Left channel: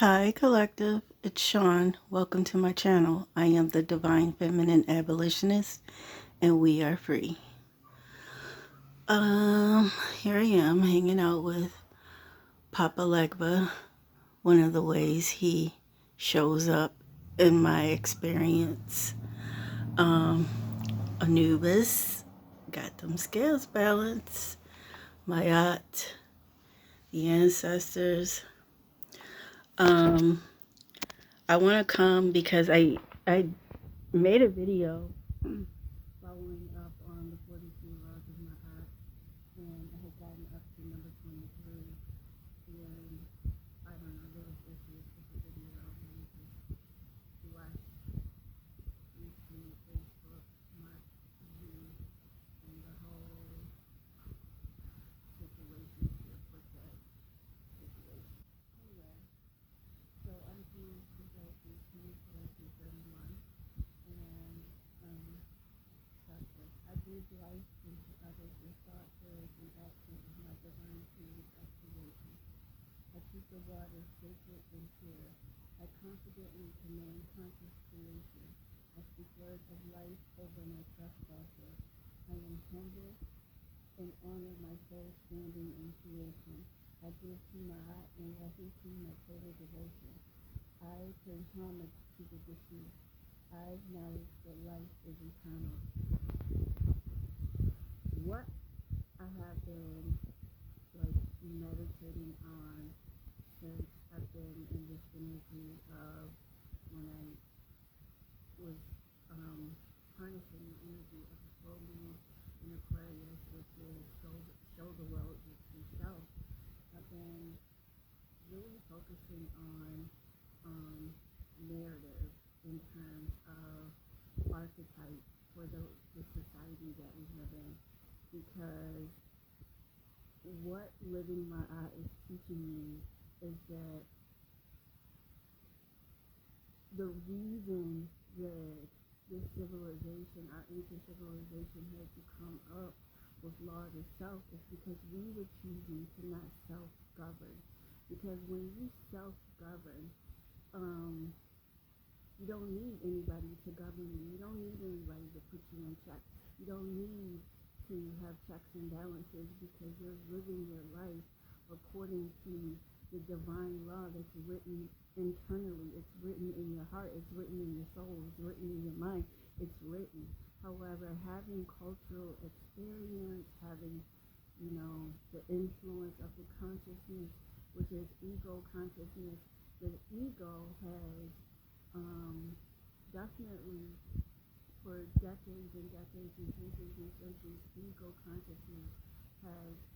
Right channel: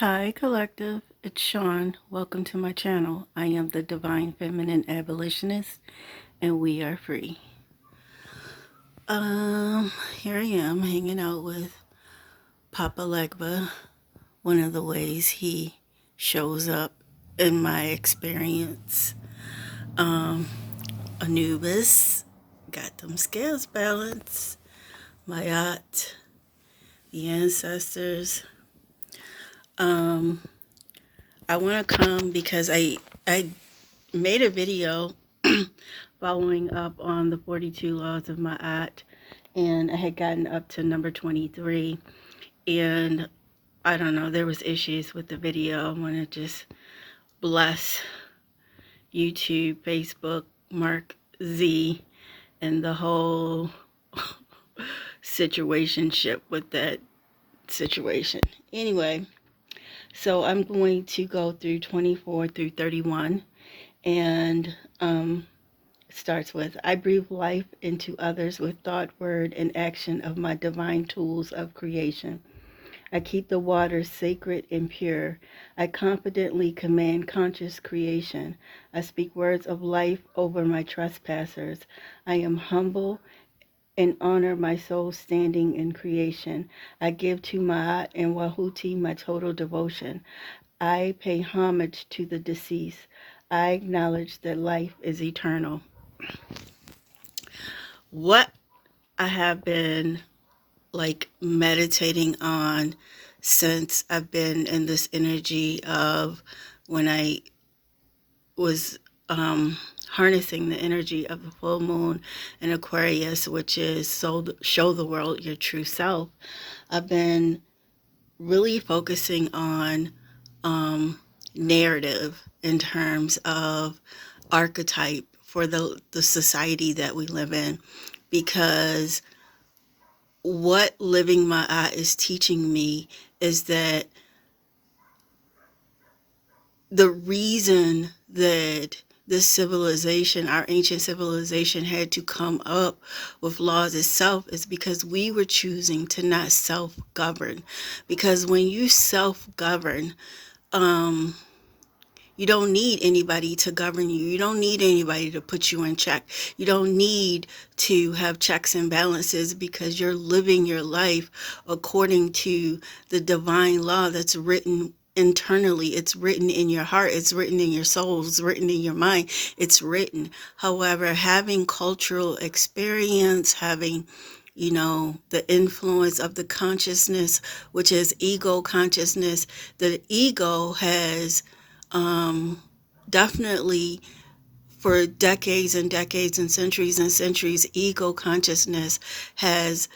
Hi, Collective. It's Sean. Welcome to my channel. I am the Divine Feminine Abolitionist, and we are free. Here I am hanging out with Papa Legba. One of the ways he shows up in my experience. Anubis, got them scales balanced. Ma'at, the ancestors. I want to come because I made a video following up on the 42 laws of Ma'at, and I had gotten up to number 23, and I don't know, there was issues with the video. I want to just bless YouTube, Facebook, Mark Z, and the whole situationship with that situation. Anyway, so I'm going to go through 24 through 31, and starts with, I breathe life into others with thought, word, and action of my divine tools of creation. I keep the waters sacred and pure. I confidently command conscious creation. I speak words of life over my trespassers. I am humble and honor my soul standing in creation. I give to Ma'at and Wahuti my total devotion. I pay homage to the deceased. I acknowledge that life is eternal. What I have been meditating on since I've been in this energy of when I was harnessing the energy of the full moon in Aquarius, which is show the world your true self. I've been really focusing on narrative in terms of archetype for the society that we live in, because what living my eye is teaching me is that the reason that this civilization, our ancient civilization, had to come up with laws itself is because we were choosing to not self-govern. Because when you self-govern, you don't need anybody to govern you. You don't need anybody to put you in check. You don't need to have checks and balances because you're living your life according to the divine law that's written internally. It's written in your heart. It's written in your soul. It's written in your mind. It's written. However, having cultural experience, having the influence of the consciousness, which is ego consciousness, the ego has definitely for decades and decades and centuries, ego consciousness has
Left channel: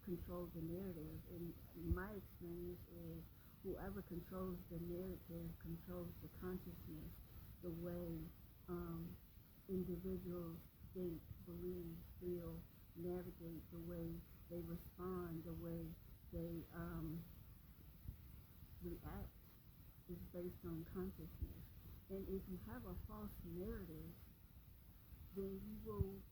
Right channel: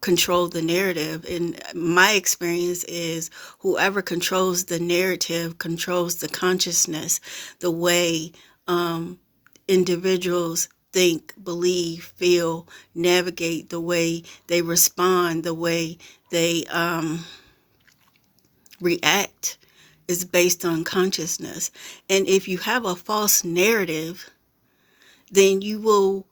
controlled the narrative. And my experience is whoever controls the narrative controls the consciousness, the way individuals think, believe, feel, navigate, the way they respond, the way they react is based on consciousness. And if you have a false narrative, then you will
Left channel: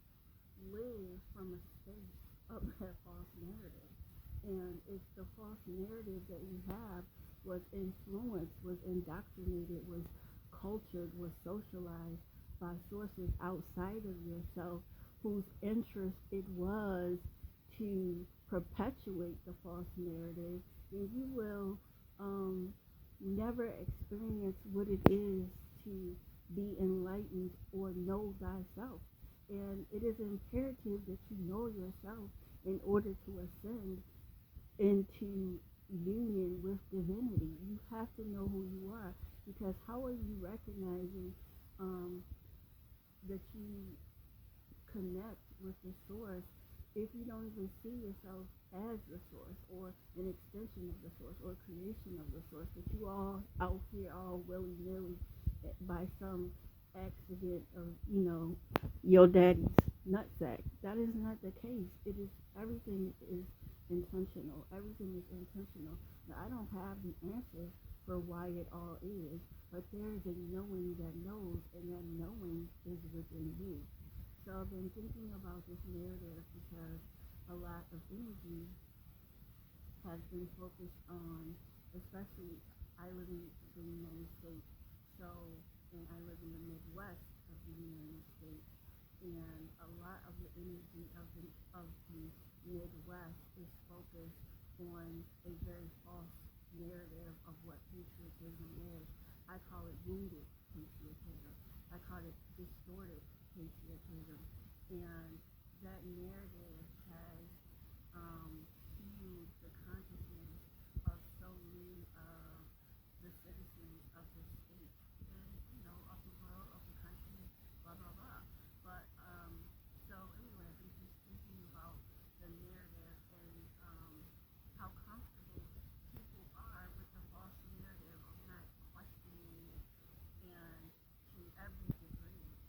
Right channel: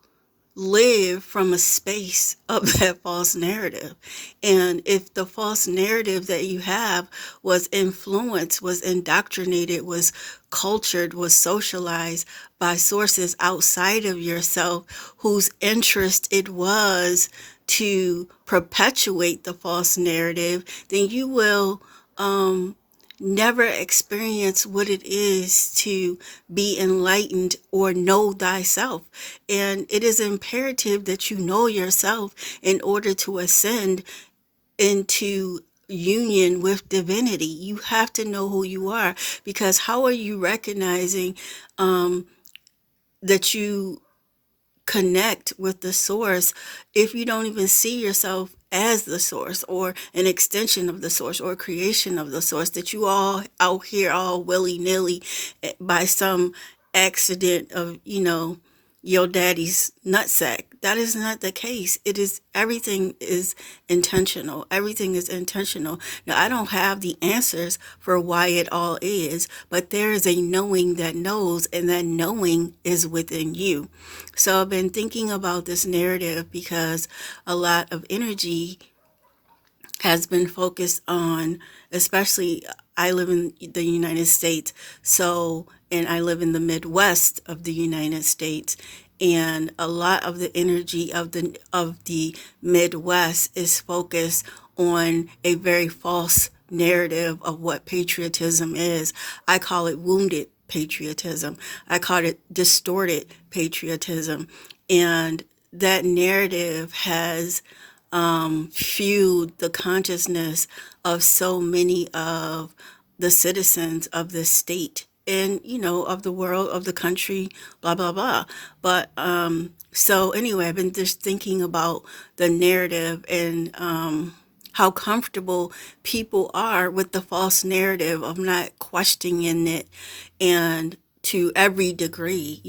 live from a space of that false narrative. And if the false narrative that you have was influenced, was indoctrinated, was cultured, was socialized by sources outside of yourself whose interest it was to perpetuate the false narrative, then you will never experience what it is to be enlightened or know thyself. And it is imperative that you know yourself in order to ascend into union with divinity. You have to know who you are, because how are you recognizing that you connect with the source if you don't even see yourself as the source or an extension of the source or creation of the source, that you all out here all willy-nilly by some accident of your daddy's nutsack? That is not the case. It is, everything is intentional. Everything is intentional. Now, I don't have the answers for why it all is, but there is a knowing that knows, and that knowing is within you. So I've been thinking about this narrative because a lot of energy has been focused on, especially I live in the United States, so, and I live in the Midwest of the United States, and a lot of the energy of the Midwest is focused on a very false narrative of what patriotism is. I call it wounded patriotism. I call it distorted patriotism. And that narrative has fueled the consciousness of so many of the citizens of the state and, of the world, of the country, blah blah blah. But so anyway, I've been just thinking about the narrative and how comfortable people are with the false narrative of not questioning it, and to every degree,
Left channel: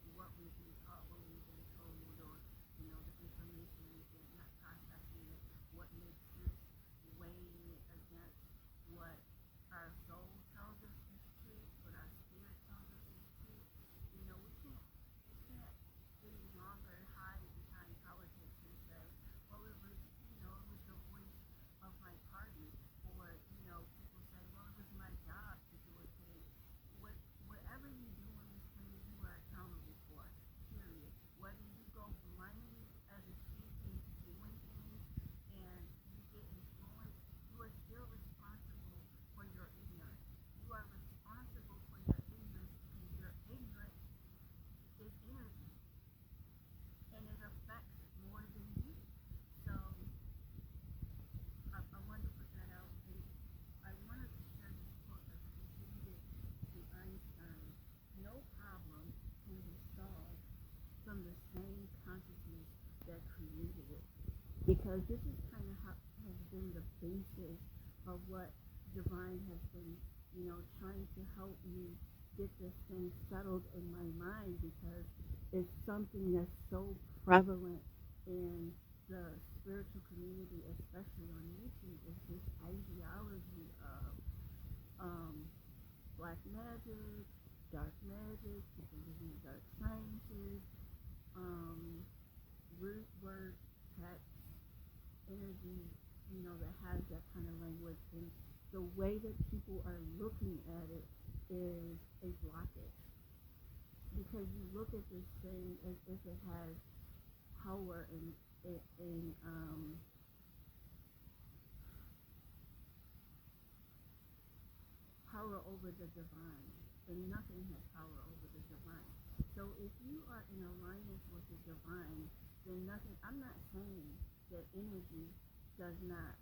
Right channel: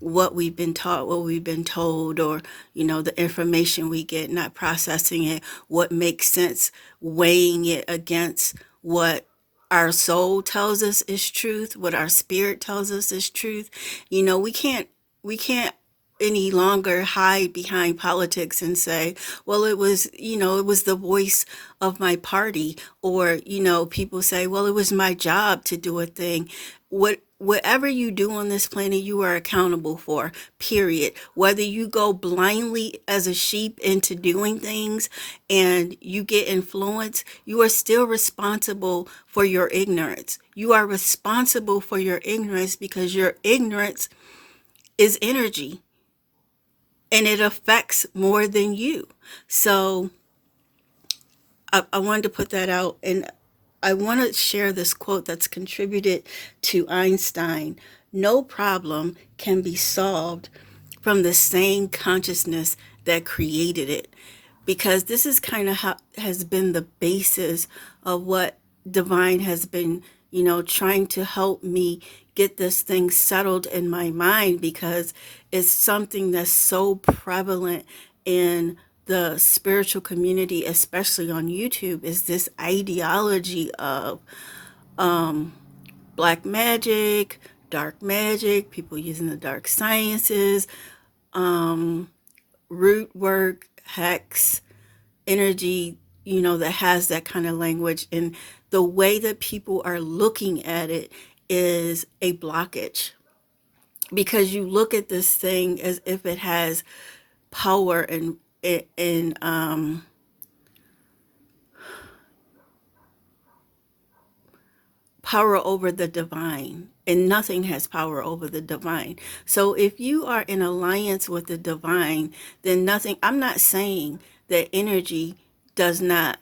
what we've been taught, what we've been told, or, the information we get, not processing it, what makes sense, weighing it against what our soul tells us is truth, what our spirit tells us is truth. We can't any longer hide behind politics and say, well, it was the voice of my party, or, people say, well, it was my job to do a thing. Whatever you do on this planet, you are accountable for, period. Whether you go blindly as a sheep into doing things and you get influenced, you are still responsible for your ignorance. You are responsible for your ignorance, because your ignorance is energy and it affects more than you. So I wanted to put that out, and I want to share this quote that's contributed to Einstein. No problem can be solved from the same consciousness that created it. Because this is kind of how has been the basis of what divine has been, trying to help me get this thing settled in my mind, because it's something that's so prevalent in the spiritual community, especially on YouTube, is this ideology of black magic, dark magic, people using the dark sciences, root work, hex, energy, that has that kind of language. And the way that people are looking at it is a blockage, because you look at this thing as if it has power and power over the divine, and nothing has power over the divine. So if you are in alliance with the divine, then nothing, I'm not saying that energy does not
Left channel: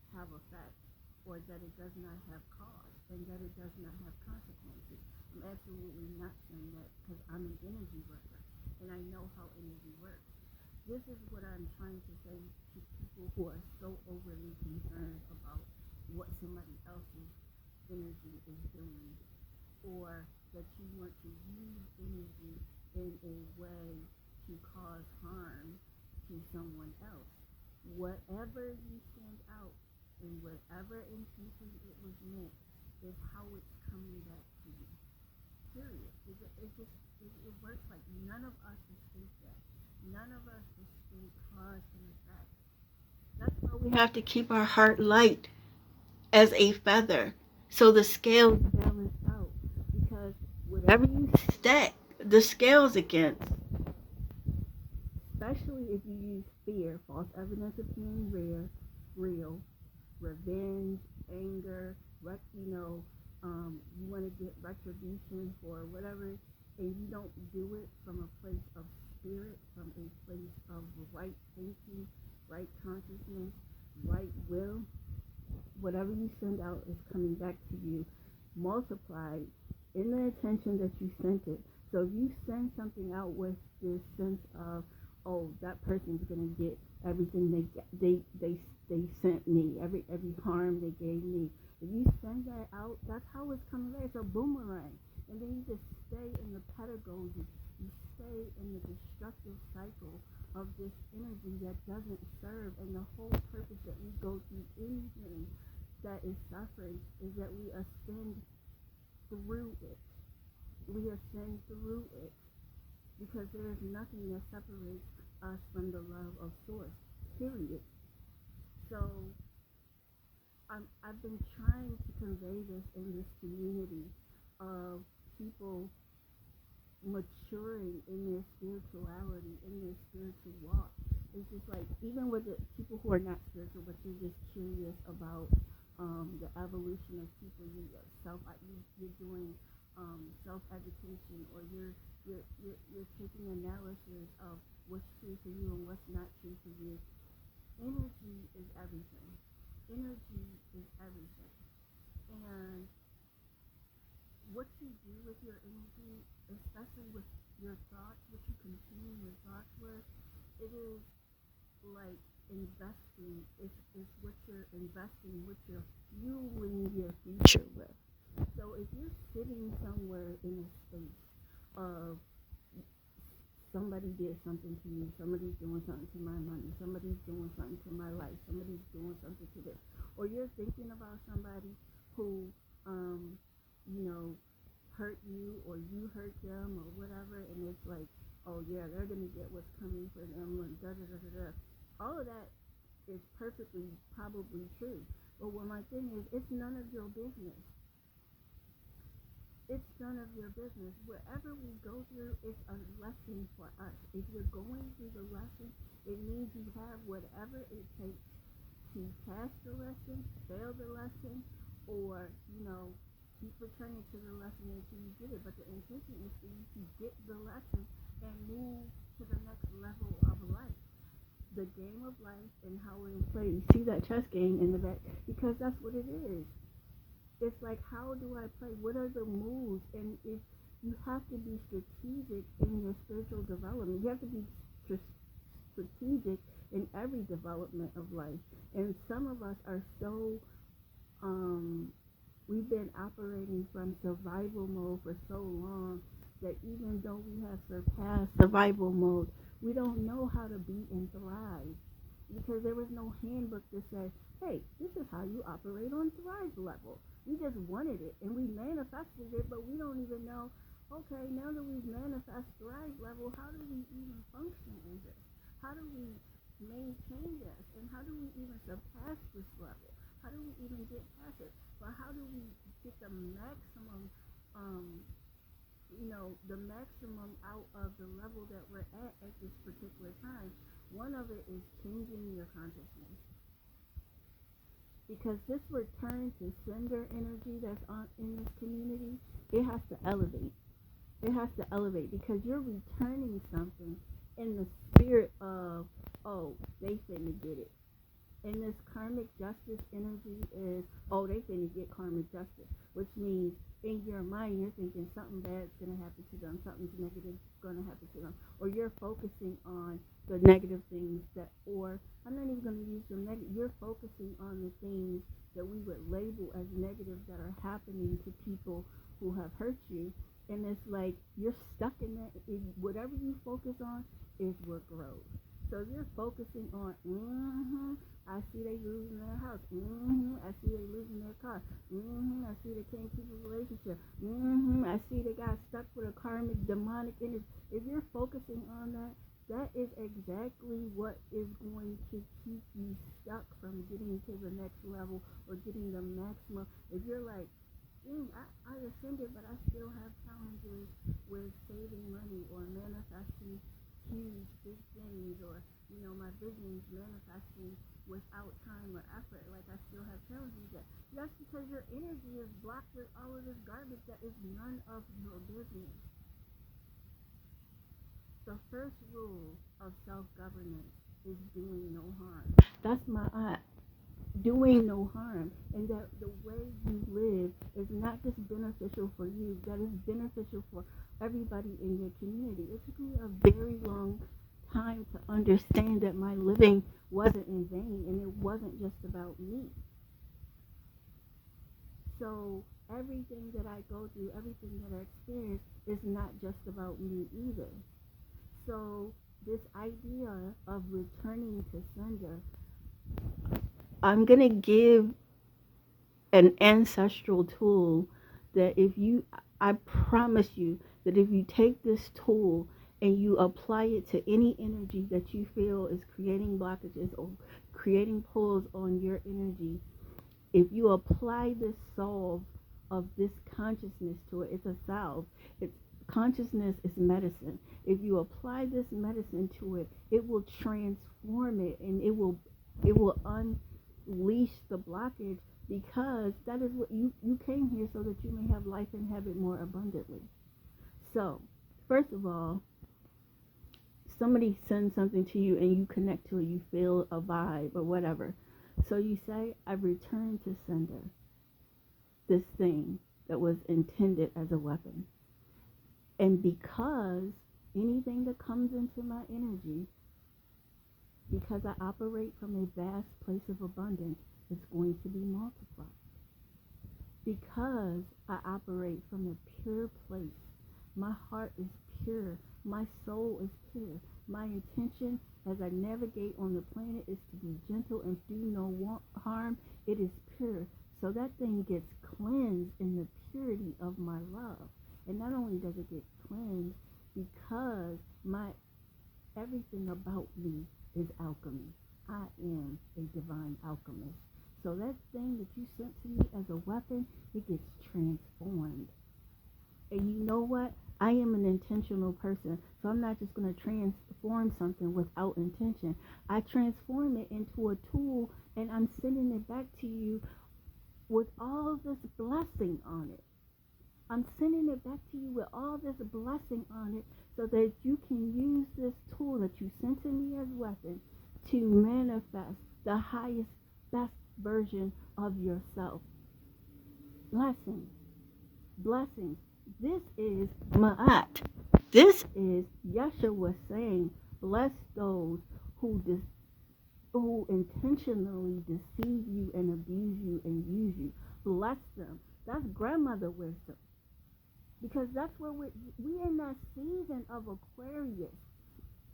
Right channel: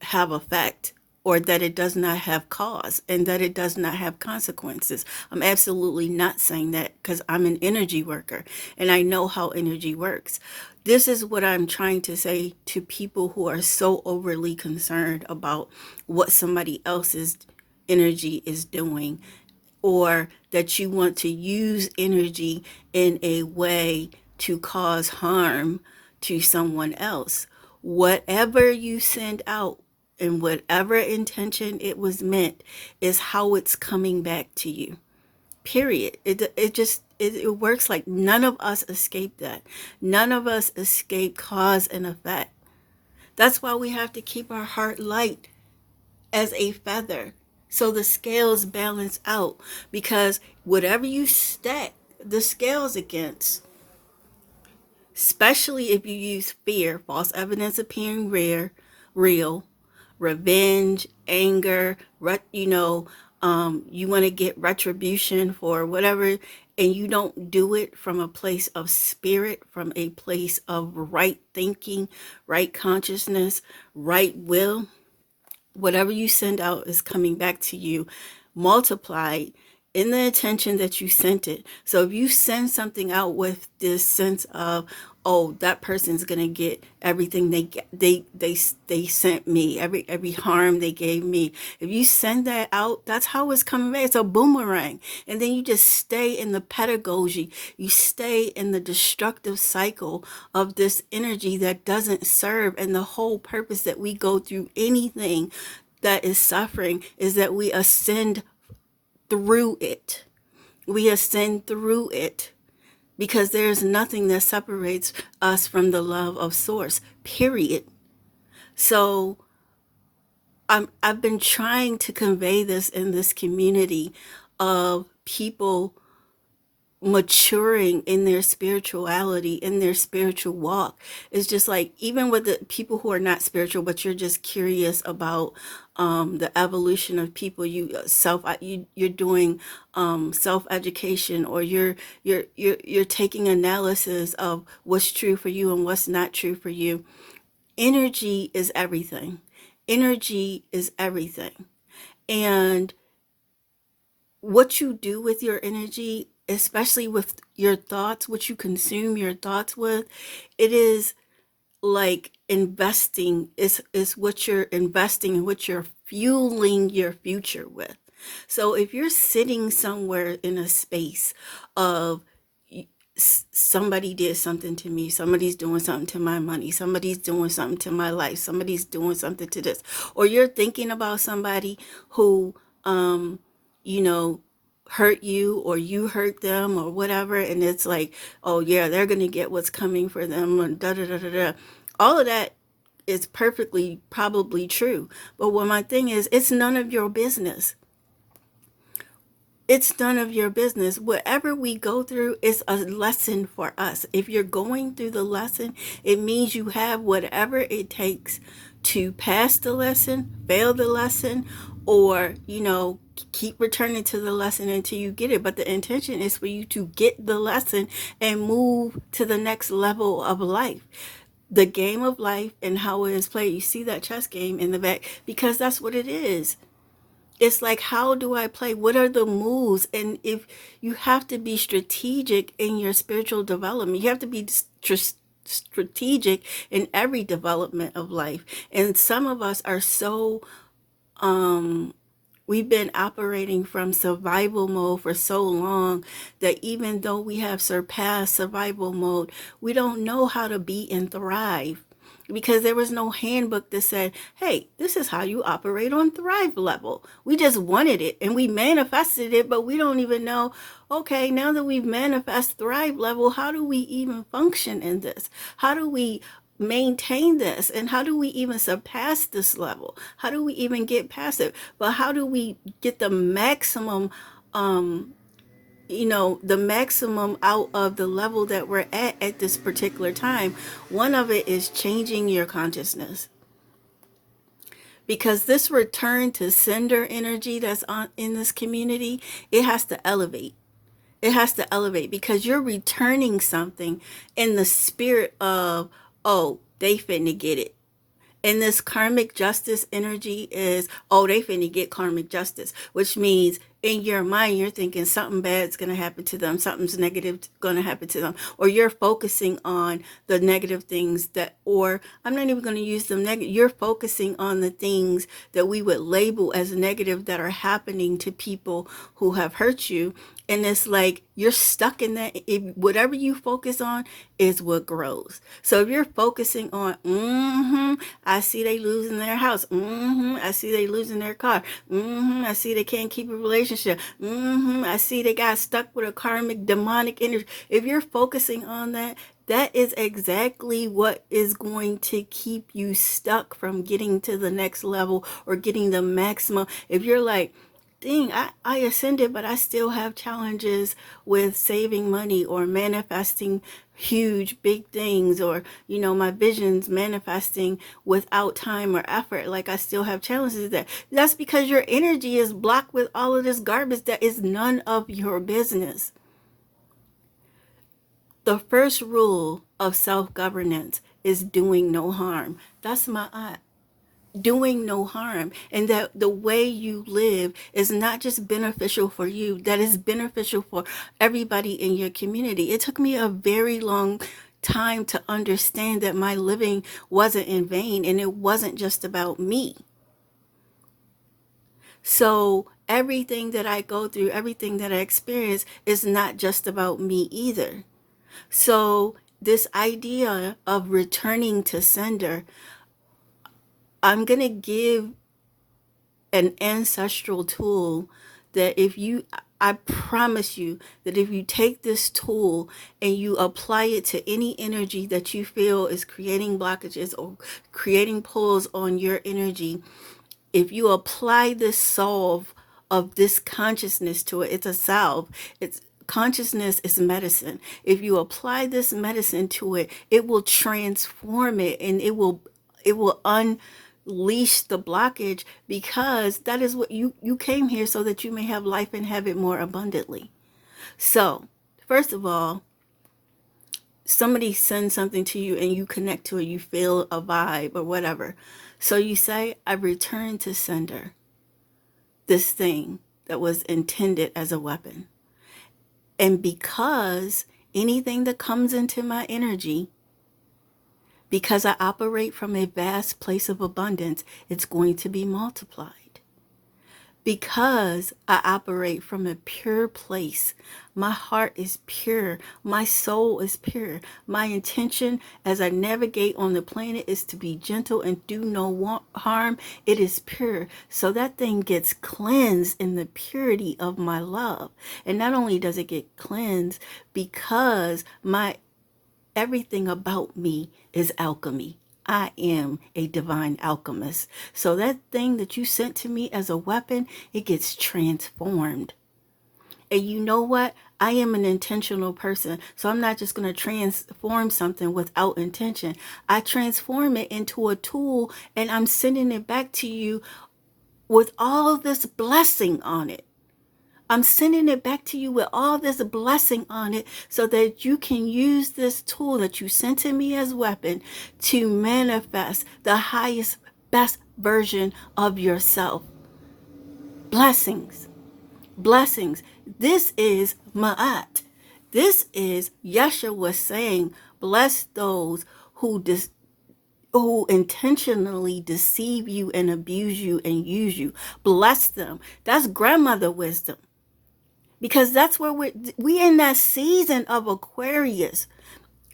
have effect, or that it does not have cause, and that it does not have consequences. I'm absolutely not saying that, because I'm an energy worker and I know how energy works. This is what I'm trying to say to people who are so overly concerned about what somebody else's energy is doing, or that you want to use energy in a way to cause harm to someone else. Whatever you send out and whatever intention it was meant is how it's coming back to you. Period. It works like none of us escape that. None of us escape cause and effect. That's why we have to keep our heart light as a feather, so the scales balance out, because whatever you stack the scales against, especially if you use fear, false evidence appearing real, revenge, anger, you want to get retribution for whatever, and you don't do it from a place of spirit, from a place of right thinking, right consciousness, right will, whatever you send out is coming back to you multiplied in the intention that you sent it. So if you send something out with this sense of, oh, that person's gonna get everything they sent me, every harm they gave me. If you send that out, that's how it's coming back. It's a boomerang. And then you just stay in the pedagogy. You stay in the destructive cycle of this energy that doesn't serve. And the whole purpose that we go through anything that is suffering is that we ascend through it. We ascend through it, because there's nothing that separates us from the love of source, period. So I've been trying to convey this in this community of people maturing in their spirituality, in their spiritual walk. It's just like, even with the people who are not spiritual, but you're just curious about the evolution of people, you're doing self education, or you're taking analysis of what's true for you and what's not true for you. Energy is everything. Energy is everything. And what you do with your energy, especially with your thoughts, what you consume your thoughts with, it is like investing. Is what you're investing and what you're fueling your future with. So if you're sitting somewhere in a space of somebody did something to me, somebody's doing something to my money, somebody's doing something to my life, somebody's doing something to this, or you're thinking about somebody who you know hurt you, or you hurt them, or whatever, and it's like, oh yeah, they're gonna get what's coming for them, and da da da da da. All of that is perfectly probably true, but what my thing is, it's none of your business. It's none of your business. Whatever we go through is a lesson for us. If you're going through the lesson, it means you have whatever it takes to pass the lesson, fail the lesson, or, keep returning to the lesson until you get it. But the intention is for you to get the lesson and move to the next level of life. The game of life and how it is played. You see that chess game in the back, because that's what it is. It's like, how do I play? What are the moves? And if you have to be strategic in your spiritual development, you have to be strategic in every development of life. And some of us are so we've been operating from survival mode for so long that even though we have surpassed survival mode, we don't know how to be and thrive, because there was no handbook that said, hey, this is how you operate on thrive level. We just wanted it and we manifested it, but we don't even know, okay, now that we've manifested thrive level, how do we even function in this? How do we maintain this, and how do we even surpass this level? How do we even get past it? But how do we get the maximum the maximum out of the level that we're at this particular time? One of it is changing your consciousness, because this return to sender energy that's on in this community, it has to elevate. It has to elevate, because you're returning something in the spirit of, oh, they finna get it. And this karmic justice energy is, oh, they finna get karmic justice, which means in your mind, you're thinking something bad's going to happen to them, something's negative going to happen to them, or you're focusing on the negative things that, or I'm not even going to use them negative, you're focusing on the things that we would label as negative that are happening to people who have hurt you. And it's like you're stuck in that. If whatever you focus on is what grows. So if you're focusing on, I see they losing their house, I see they losing their car, I see they can't keep a relationship, I see they got stuck with a karmic demonic energy. If you're focusing on that, that is exactly what is going to keep you stuck from getting to the next level or getting the maximum. If you're like, dang, I ascended, but I still have challenges with saving money or manifesting huge, big things, or, my visions manifesting without time or effort. Like, I still have challenges there. That's because your energy is blocked with all of this garbage that is none of your business. The first rule of self-governance is doing no harm. That's Ma'at. Doing no harm, and that the way you live is not just beneficial for you, that is beneficial for everybody in your community. It took me a very long time to understand that my living wasn't in vain, and it wasn't just about me. So everything that I go through, everything that I experience is not just about me either. So this idea of returning to sender, I'm going to give an ancestral tool that if you, I promise you that if you take this tool and you apply it to any energy that you feel is creating blockages or creating pulls on your energy, if you apply this solve of this consciousness to it, it's a salve. It's consciousness is medicine. If you apply this medicine to it, it will transform it, and it will unleash the blockage, because that is what you came here so that you may have life and have it more abundantly. So, first of all, somebody sends something to you and you connect to it, you feel a vibe or whatever. So you say, I return to sender this thing that was intended as a weapon. And because anything that comes into my energy, because I operate from a vast place of abundance, it's going to be multiplied. Because I operate from a pure place, my heart is pure, my soul is pure. My intention as I navigate on the planet is to be gentle and do no harm. It is pure. So that thing gets cleansed in the purity of my love. And not only does it get cleansed, because everything about me is alchemy. I am a divine alchemist. So that thing that you sent to me as a weapon, it gets transformed. And you know what? I am an intentional person. So I'm not just going to transform something without intention. I transform it into a tool, and I'm sending it back to you with all this blessing on it. I'm sending it back to you with all this blessing on it, so that you can use this tool that you sent to me as weapon to manifest the highest, best version of yourself. Blessings. Blessings. This is Ma'at. This is Yeshua saying, bless those who intentionally deceive you and abuse you and use you. Bless them. That's grandmother wisdom. Because that's where we in that season of Aquarius.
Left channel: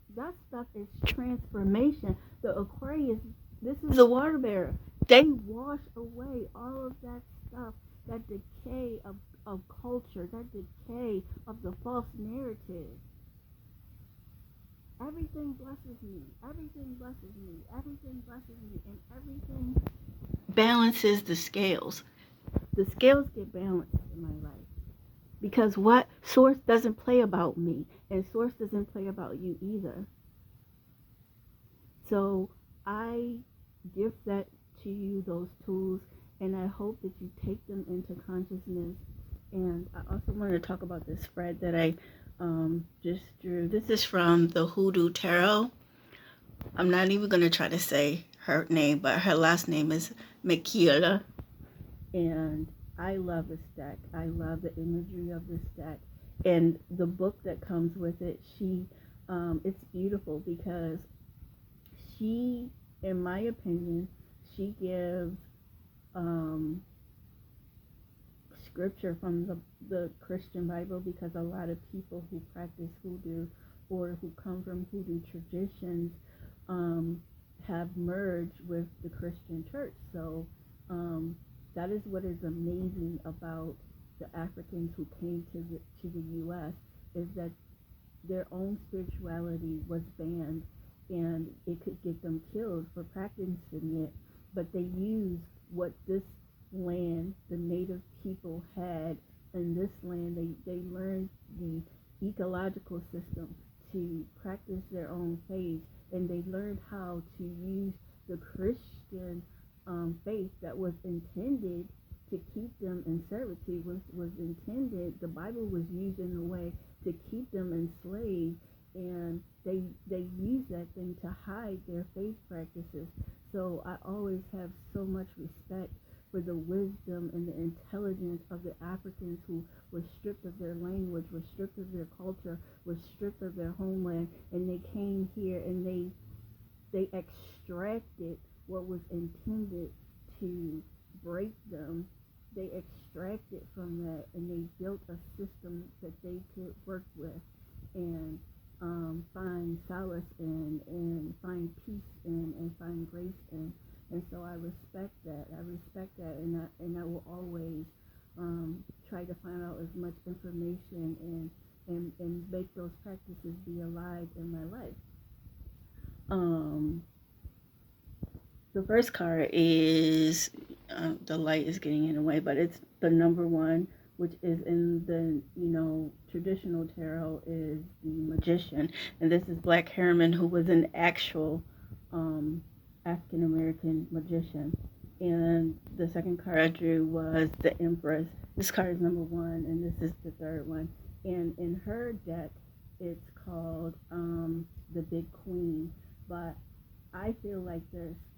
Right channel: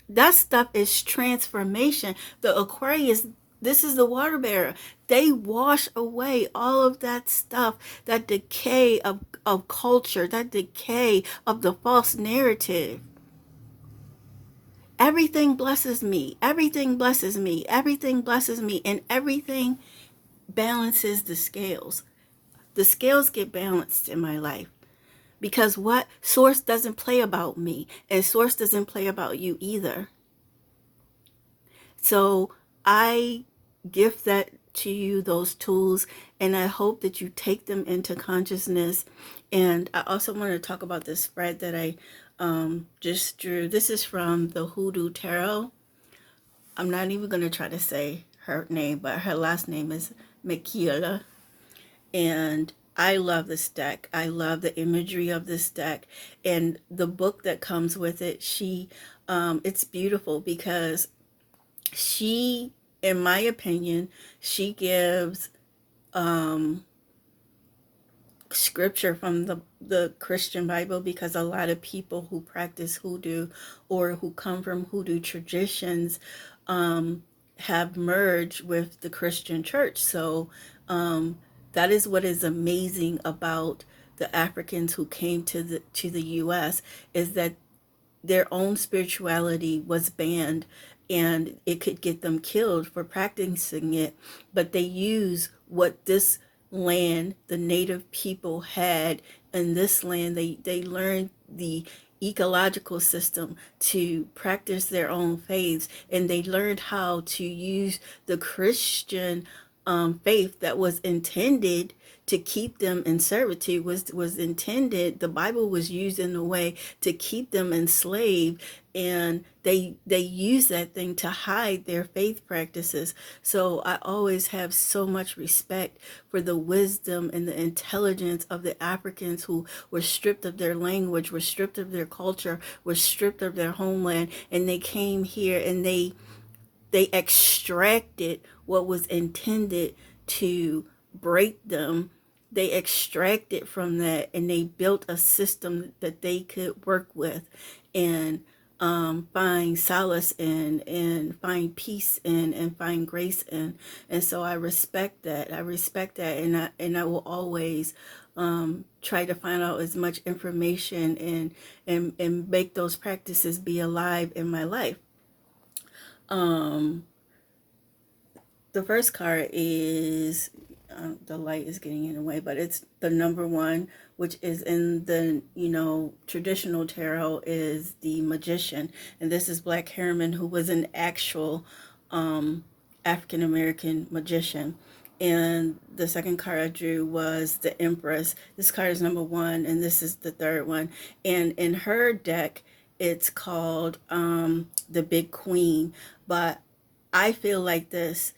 That stuff is transformation. The Aquarius, this is the water bearer. They wash away all of that stuff, that decay of culture, that decay of the false narrative. Everything blesses me. Everything blesses me. Everything blesses me. And everything balances the scales. The scales get balanced in my life. Because what? Source doesn't play about me, and Source doesn't play about you either. So I gift that to you, those tools, and I hope that you take them into consciousness. And I also want to talk about this spread that I just drew. This is from the Hoodoo Tarot. I'm not even going to try to say her name, but her last name is Michaela. And I love this deck. I love the imagery of this deck, and the book that comes with it. It's beautiful because she, in my opinion, she gives scripture from the Christian Bible, because a lot of people who practice hoodoo or who come from hoodoo traditions have merged with the Christian church. So that is what is amazing about the Africans who came to the U.S. is that their own spirituality was banned, and it could get them killed for practicing it. But they use what this land, the native people had in this land. They learned the ecological system to practice their own faiths, and they learned how to use the Christian faith that was intended to keep them in servitude, was intended. The Bible was used in a way to keep them enslaved, and they use that thing to hide their faith practices. So I always have so much respect for the wisdom and the intelligence of the Africans who were stripped of their language, were stripped of their culture, were stripped of their homeland, and they came here and they extracted what was intended to break them. They extracted from that, and they built a system that they could work with and find solace in, and find peace in, and find grace in. And so I respect that. And I will always try to find out as much information and make those practices be alive in my life. The first card is, the light is getting in the way, but it's the number one, which is in the, traditional tarot, is the Magician. And this is Black Harriman, who was an actual African American magician. And the second card I drew was the Empress. This card is number one, and this is the third one. And in her deck, it's called the Big Queen. But I feel like this:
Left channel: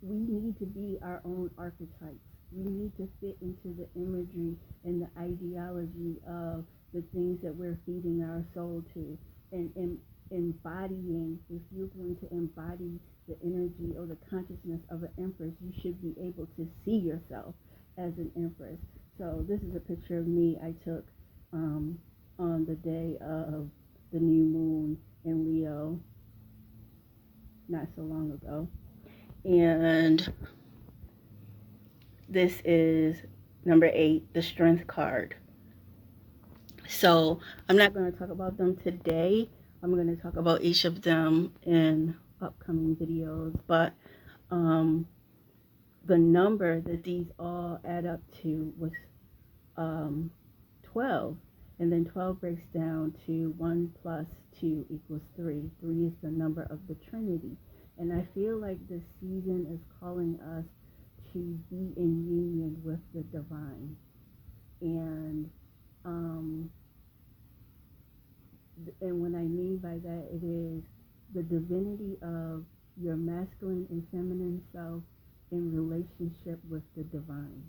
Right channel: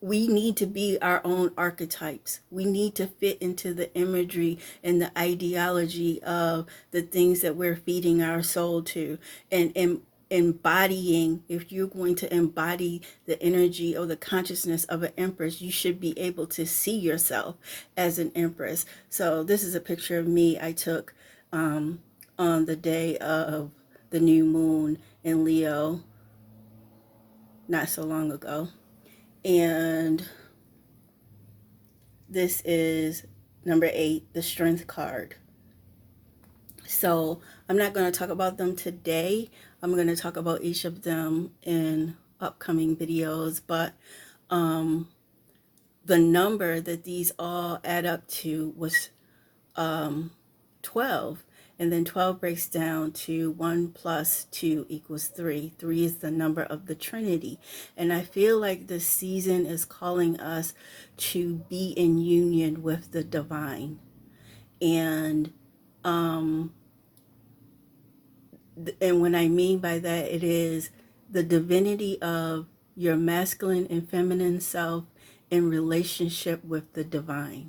we need to be our own archetypes. We need to fit into the imagery and the ideology of the things that we're feeding our soul to. And embodying, if you're going to embody the energy or the consciousness of an empress, you should be able to see yourself as an empress. So this is a picture of me I took on the day of the new moon in Leo not so long ago. And this is number 8, the Strength card. So I'm not going to talk about them today. I'm going to talk about each of them in upcoming videos. But the number that these all add up to was 12. And then 12 breaks down to 1 plus 2 equals 3. 3 is the number of the Trinity. And I feel like this season is calling us to be in union with the divine. And what I mean by that, it is the divinity of your masculine and feminine self in relationship with the divine.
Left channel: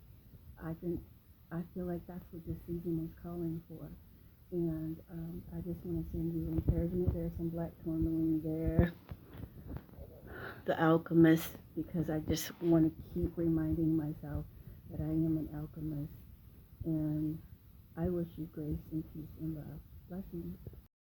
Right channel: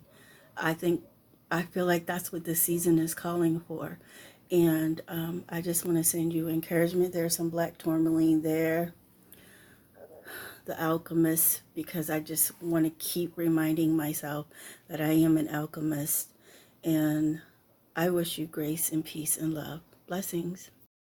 I feel like that's what this season is calling for. And I just want to send you encouragement. There's some black tourmaline there, the alchemist, because I just want to keep reminding myself that I am an alchemist. And I wish you grace and peace and love. Blessings.